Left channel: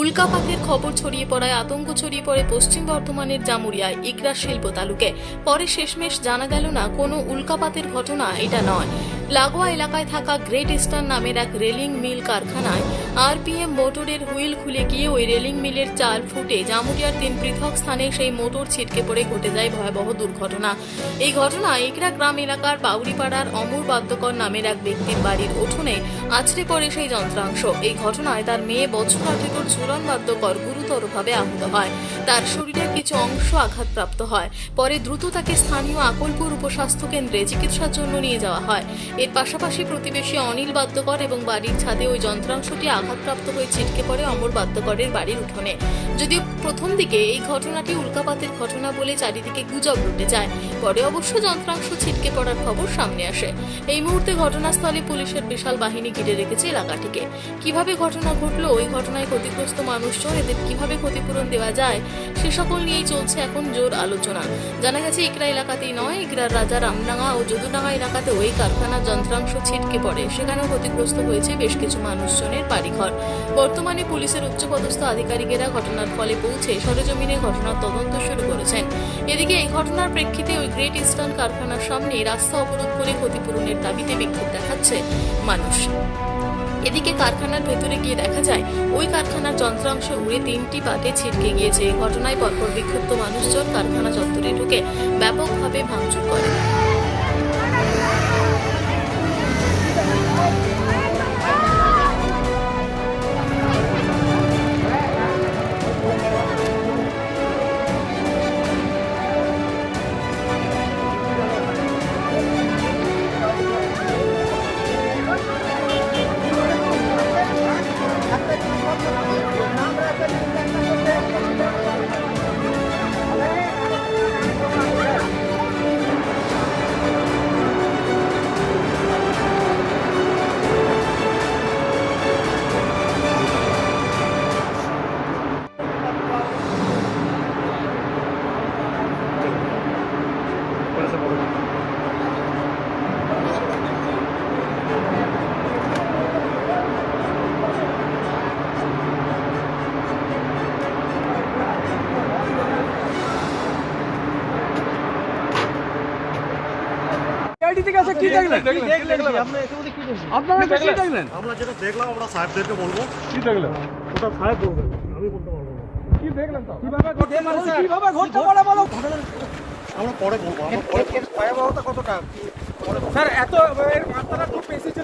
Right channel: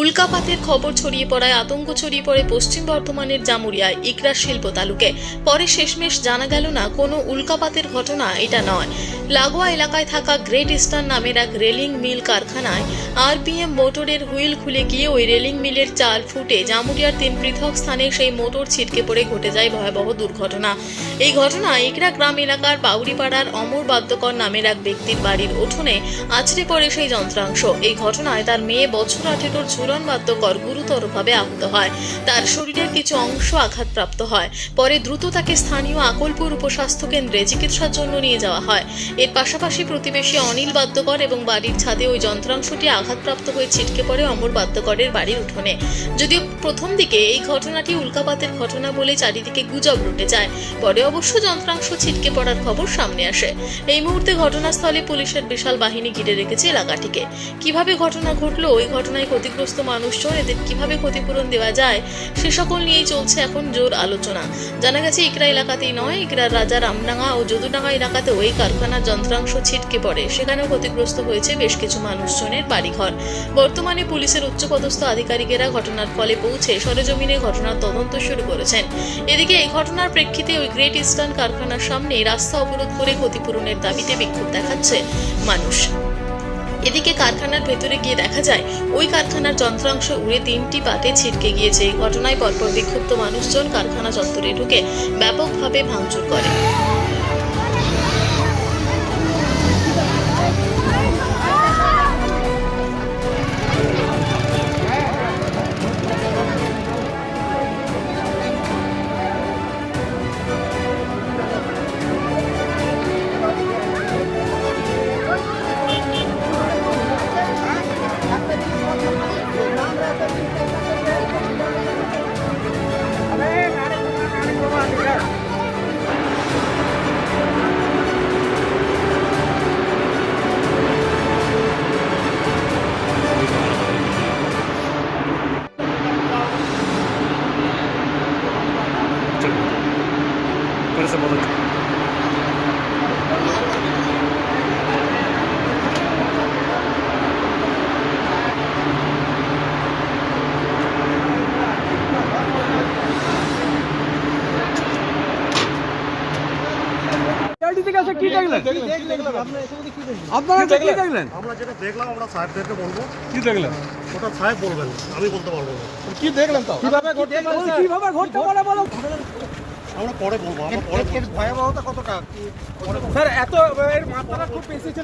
উল্কাপাতের খবর ছড়িয়ে পড়ায় আতঙ্ক ছড়িয়ে পড়ে পশ্চিম বর্ধমানের জামুরিয়ায় ইকরা শিল্প তালুকে। পরে শেষমেশ জানা গেল না, কোনো উল্কাপাতের ঘটনা এটা নয়। লাগোয়া এলাকায় থাকা গ্রেট ইস্টার্ন নামের এক রেলিং মিল কারখানায় আরপিএম মোটরের হুইল খুলে গিয়ে ওই রেলিং মিলের চাল ফুটে জামুরিয়ার তিন পৃথক স্থানে সেই মোটর ছিটকে পড়ে ঘটে যায় ভয়াবহ দুর্ঘটনা। এই ঘটনায় ইকরা গ্রাম এলাকার বাউরিপাড়ার অমর বাদ্যকর নামের এক ব্যক্তির বাড়ির উঠোনে আছড়ে পড়ে সেই যন্ত্রাংশ। এই ঘটনায় তার মেয়ে বছর আঠেরোর ঝুলন বাদ্যকর গুরুতরভাবে আহত হয়। তার শরীরের কিছু অংশ আঘাতপ্রাপ্ত হয়। পরে দ্রুত তাকে স্থানীয় আকলপুর উপস্বাস্থ্য কেন্দ্রে চিকিৎসার জন্য নিয়ে যাওয়া হয়। এর পাশাপাশি প্রতিবেশী অনিল বাদ্যকর এবং বাড়ির ছাদে ওই যন্ত্রাংশটি আঘাতপ্রাপ্ত হয়ে ছিটকে পড়ে অমর বাদ্যকরের বাড়ির উঠোনে। যদিও প্রথম দিকে এই ঘটনাটি উল্কাপাতের ঘটনা বলে চারিদিকে গুজব রুটে যায়। পরে অবশ্য যন্ত্রাংশ ছিটকে পড়ার খবর সামনে আসে। এই মুহূর্তে ঘটনাস্থলে পুলিশের বিশাল বাহিনী ঘিরে রেখেছে এলাকাটিকে। কীভাবে ঘটনা ঘটলো, ওই ঘটনায় ক্ষতিগ্রস্ত মানুষজন এদের কীভাবে ক্ষতিপূরণ দেওয়া যায়, সে সকল নিয়েই চলছে এখন জোর আলোচনা। জানা গেছে, ইকরা এলাকাতেই নয়, ইকরার রাজা রামডাঙ্গা ও যদুডাঙ্গা এলাকাতেও এই কারখানার যন্ত্রাংশ ছিটকে পড়ে। সেখানেও ক্ষতিগ্রস্ত হয়েছে বেশ কিছু মানুষজনের বাড়িঘর। বর্তমানে পুলিশের উচ্চপদস্থ আধিকারিকেরা ঘটনার ফলে পৌঁছে সরেজমিনে ঘটনার তদন্ত শুরু করেছেন। এদিকে এই ঘটনার প্রেক্ষিতে ওই গ্রেট ইস্টার্ন কারখানার সামনে রাস্তা অবরোধ করে ক্ষতিপূরণের দাবিতে বিক্ষোভ দেখাচ্ছে মানুষ। এদিকে কারখানার ভেতরে গিয়ে দেখা যায়, ওই কারখানার যন্ত্রাংশ উড়ে তিনটি পাতে ছিটকে গিয়েছে। ঘটনায় পরপর বিক্ষুব্ধ মানুষজন কারখানা চত্বরে ঢুকে ব্যাপকভাবে ভাঙচুর করে। করতেছে পদক্ষেপ আমরা যেটা দেখলাম আমরা সাহেবদেরকে বলব। কি দেখলাম ওটা সাহেব বলবেন আমি বলতে পারব না। কি দেখলেন তো কীভাবে আমরা পরে বলব আমরা পরে বলব। স্যার এত এর মাত্রা খুব বেশি ছিল